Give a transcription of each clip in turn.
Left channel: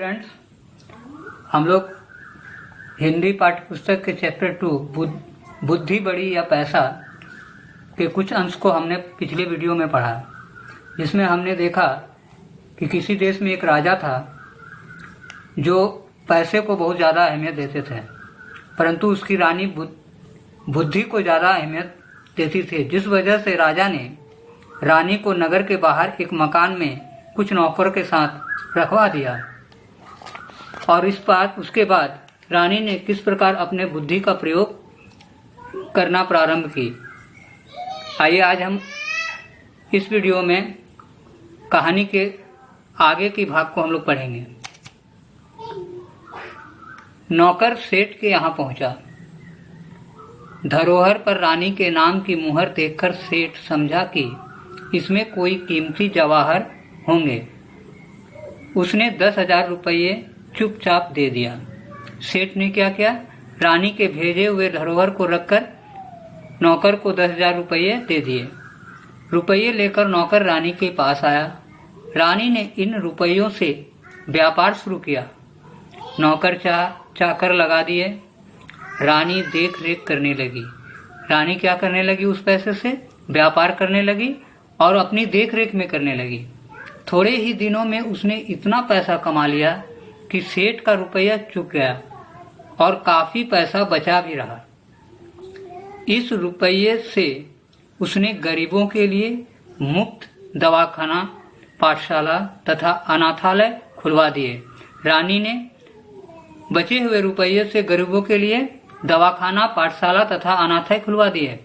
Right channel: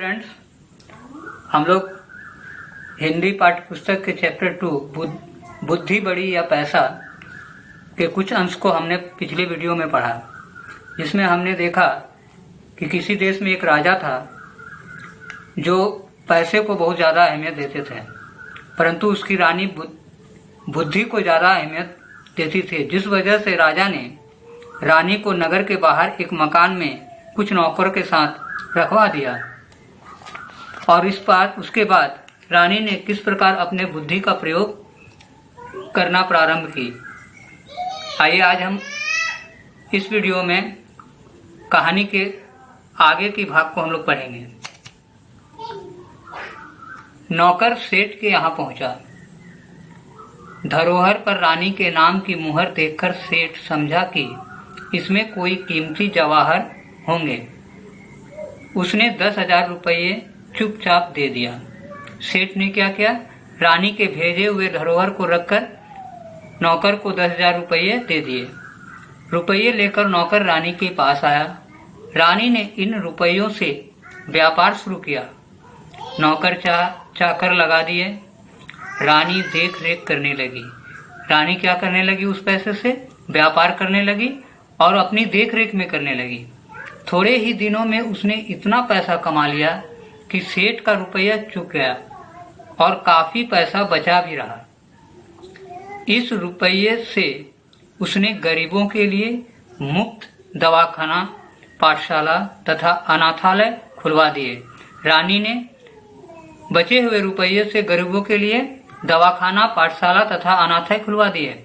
Students, हम लोग हिंदी पाठ्य पुस्तक के चैप्टर 2 बुद्धि बड़ी या पैसा के कुछ अंश को हमने पिछले वीडियो में पढ़ा, जिसमें हमने देखा कि किसी देश में एक राजा था जो पैसे को बहुत ज़्यादा अहमियत देते थे, परंतु उसकी रानी बुद्धि को ज़्यादा अहमियत देती थी, जिस वजह से राजा ने रानी को नगर के बाहर एक मकान में कुछ नौकर के साथ रखवा दिया। और उसके बाद रानी ने किस प्रकार अपने बुद्धि का प्रयोग करना प्रारंभ की। आइए आज हम इस वीडियो में कहानी के आगे की भाग को हम लोग पढ़ेंगे। नौकर सेठ के यहाँ पहुंचा। धरोहर पर रानी के नाम की मुहर देखकर सेठ समझा कि इसमें कोई कीमती जवाहर होंगे। उसने 10,000 रुपये चुपचाप दे दिया। सेठ ने क्या किया, रानी के भेजे हुए धरोहर को रखकर नौकर को 10,000 रुपये दे दिए। रुपये लेकर नौकर रानी के पास आया। रानी ने इन रुपयों से व्यापार शुरू किया। नौकर चाकर लगा दिए। रानी देख रेख करने लगी। रानी क्या करने लगी, उस पैसे से व्यापार करने लगी और अपनी देख रेख में करने लगी। थोड़े ही दिनों में उसने इतना पैसा कमा लिया कि सेठ का रुपया चुक गया और काफी पैसा बचा भी रहा। इस रुपये से उसने गरीबों के लिए मुफ्त दवाखाना, पाठशाला तथा अनाथालय खुलवा दिए। रानी ने बचे हुए रुपये से गरीबों के लिए दवाखाना, पाठशाला तथा अनाथालय खुलवा दिए।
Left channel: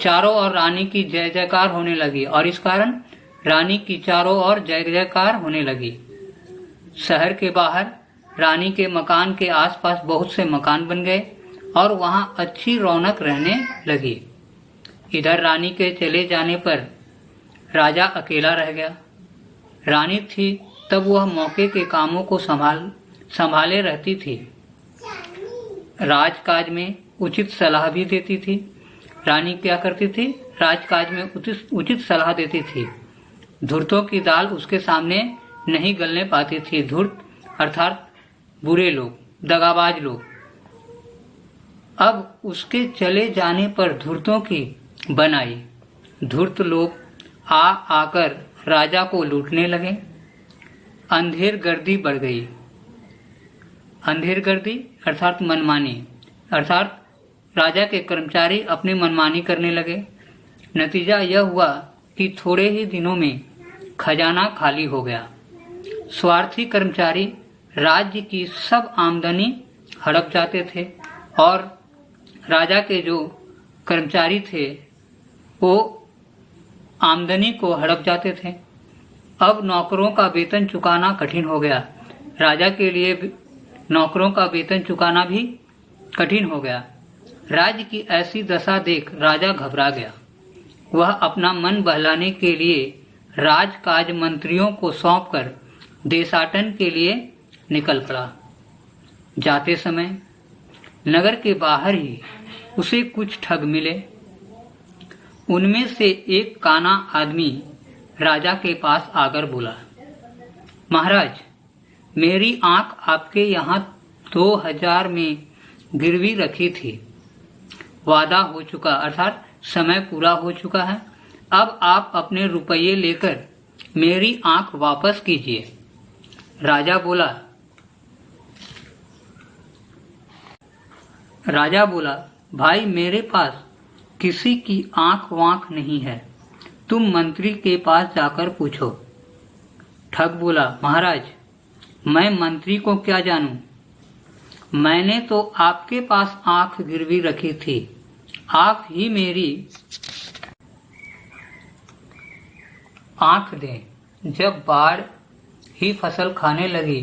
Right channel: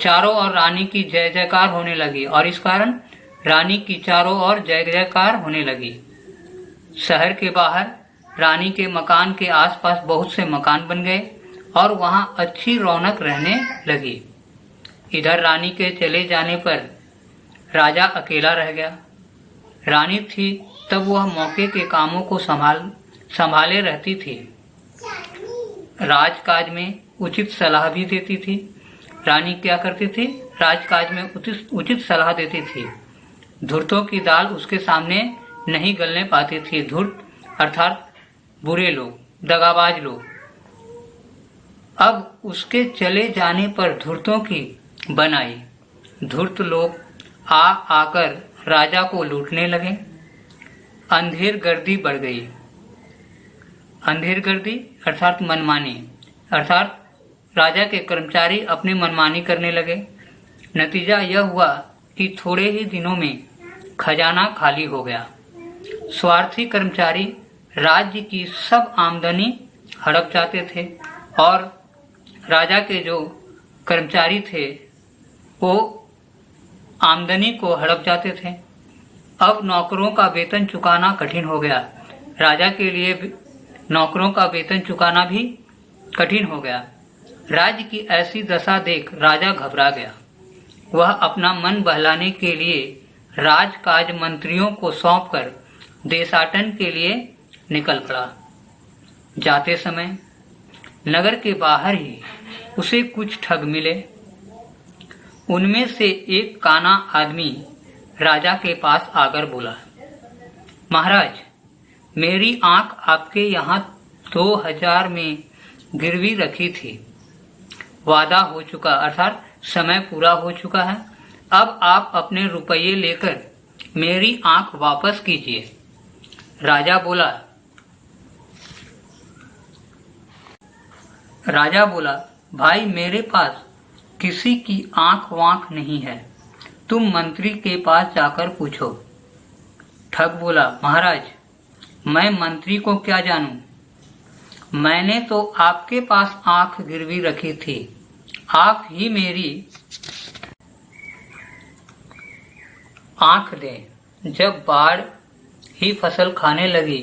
चारों ओर रानी की जय जयकार होने लगी और इस कारण रानी की चारों ओर जय जयकार होने लगी। शहर के बाहर रानी के मकान के आसपास बहुत से मकान बन गए और वहां अच्छी रौनक रहने लगी। इधर रानी के चले जाने पर राजा अकेला रह गया। रानी थी तब वह मौके के कामों को संभाले रहती थी। राजकाज में उचित सलाह भी देती थी। रानी क्या करती थी, राजकाज में उचित सलाह देती थी। धूर्तों की दाल उसके सामने नहीं गलने पाती थी। धूर्त अर्थात बुरे लोग, दगाबाज लोग। अब उसके चले जाने पर धूर्तों की बनाई। धूर्त लोग आकर राजा को लूटने लगे। अंधेर गर्दी बढ़ गई। अंधेर गर्दी अर्थात मनमानी, अर्थात राजा के कर्मचारी अपनी मनमानी करने लगे। नतीजा यह हुआ कि थोड़े ही दिनों में खजाना खाली हो गया। स्वार्थी कर्मचारी राज्य की सब आमदनी हड़प जाते थे और राजा के जो कर्मचारी थे वो आमदनी को हड़प जाते थे। अब नौकरों का वेतन चुकाना कठिन हो गया। राजा के लिए नौकरों का वेतन चुकाना भी कठिन हो गया। राज्य की ऐसी दशा देख राजा घबरा गया। वह अपना मन बहलाने के लिए राजकाज मंत्रियों को सौंपकर देशाटन के लिए निकल पड़ा। जाते समय नगर के बाहर ही उसे कुछ ठग मिले। उनमें से एक काना आदमी राजा के पास आकर बोला, महाराज, मेरी आंख आपके यहाँ 2,000 में गिरवी रखी थी। वादा हो चुका अर्थात समय पूरा हो चुका है। अब आप अपने रुपये लेकर मेरी आंख वापस कीजिए। राजा बोला, भाई, मेरे पास किसी की आंख वांख नहीं है, तुम मंत्री के पास जाकर पूछो। ठग बोला, महाराज, मैं मंत्री को क्या जानूं? मैंने तो आपके पास आंख गिरवी रखी थी। आप ही मेरी आंख दें। जब बाढ़ ही फसल खाने लगी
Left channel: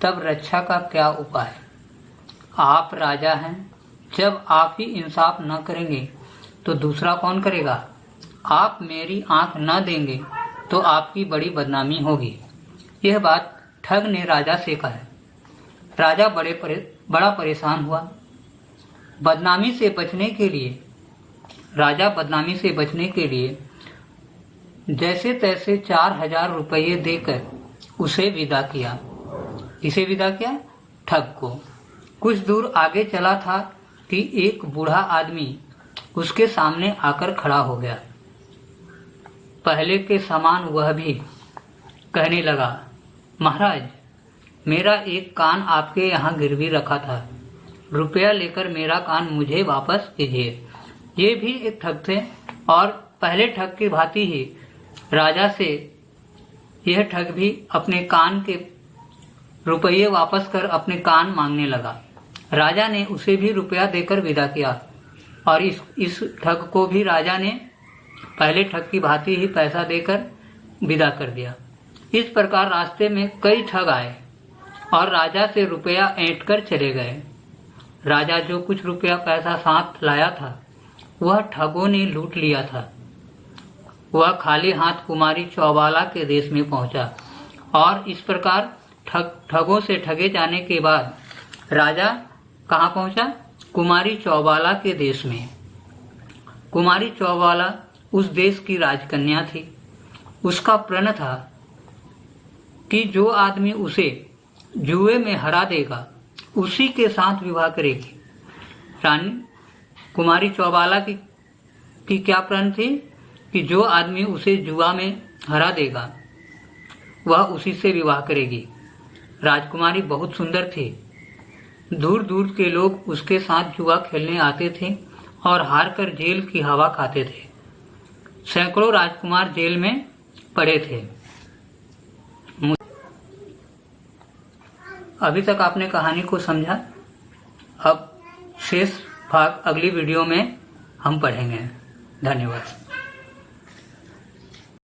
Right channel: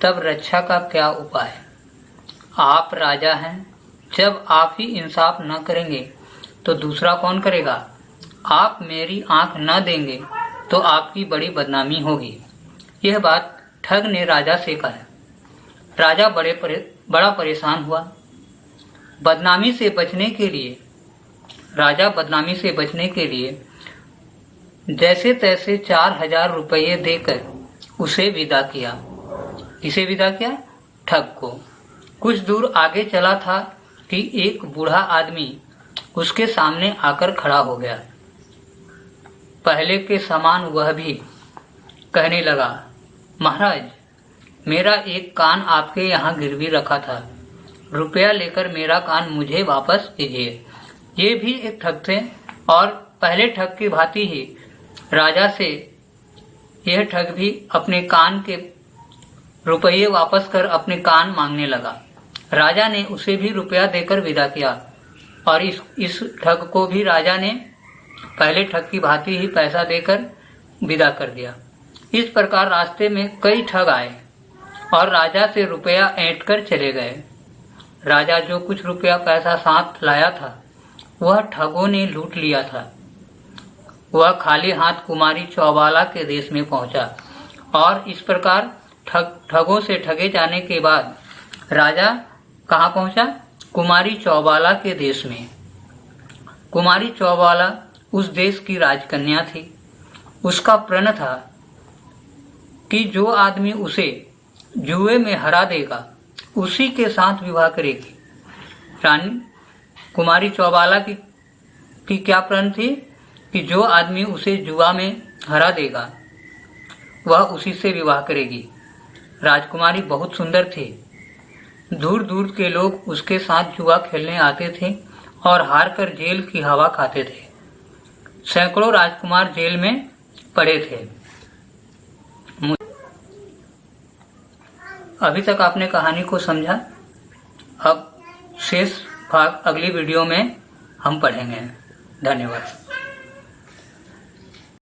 तब रक्षा का क्या उपाय? आप राजा हैं, जब आप ही इंसाफ न करेंगे तो दूसरा कौन करेगा? आप मेरी आंख न देंगे तो आपकी बड़ी बदनामी होगी। यह बात ठग ने राजा से कहा। राजा बड़ा परेशान हुआ। बदनामी से बचने के लिए जैसे तैसे 4,000 रुपये देकर उसे विदा किया। किसे विदा किया? ठग को। कुछ दूर आगे चला था कि एक बूढ़ा आदमी उसके सामने आकर खड़ा हो गया। पहले के समान वह भी कहने लगा, महाराज, मेरा एक कान आपके यहाँ गिरवी रखा था, रुपया लेकर मेरा कान मुझे वापस कीजिए। ये भी एक ठग थे और पहले ठग की भांति ही राजा से यह ठग भी अपने कान के रुपये वापस कर अपने कान मांगने लगा। राजा ने उसे भी रुपया देकर विदा किया और इस ठग को भी राजा ने पहले ठग की भांति ही पैसा देकर विदा कर दिया। इस प्रकार रास्ते में कई ठग आए और राजा से रुपया ऐंठ कर चले गए। राजा जो कुछ रुपया पैसा साथ लाया था वह ठगों ने लूट लिया था। वह खाली हाथ कुमारी चौबाला के देश में पहुंचा और इस प्रकार ठगों से ठगे जाने के बाद राजा कहाँ पहुंचा? कुमारी चौबाला के देश में। कुमारी चौबाला उस देश की राजकन्या थी। उसका प्रण था कि जो आदमी उसे जुए में हरा देगा उसी के साथ विवाह करेगी। रानी कुमारी चौबाला की क्या प्रण थी कि जो आदमी उसे जुआ में हरा देगा वह उसी से विवाह करेगी। राजकुमारी बहुत सुंदर थी। दूर दूर के लोग उसके साथ जुआ खेलने आते थे और हार कर जेल की हवा खाते थे। सैकड़ों राजकुमार जेल में पड़े थे। अभी तक आपने कहानी को समझा। अब शेष भाग अगली वीडियो में हम पढ़ेंगे। धन्यवाद।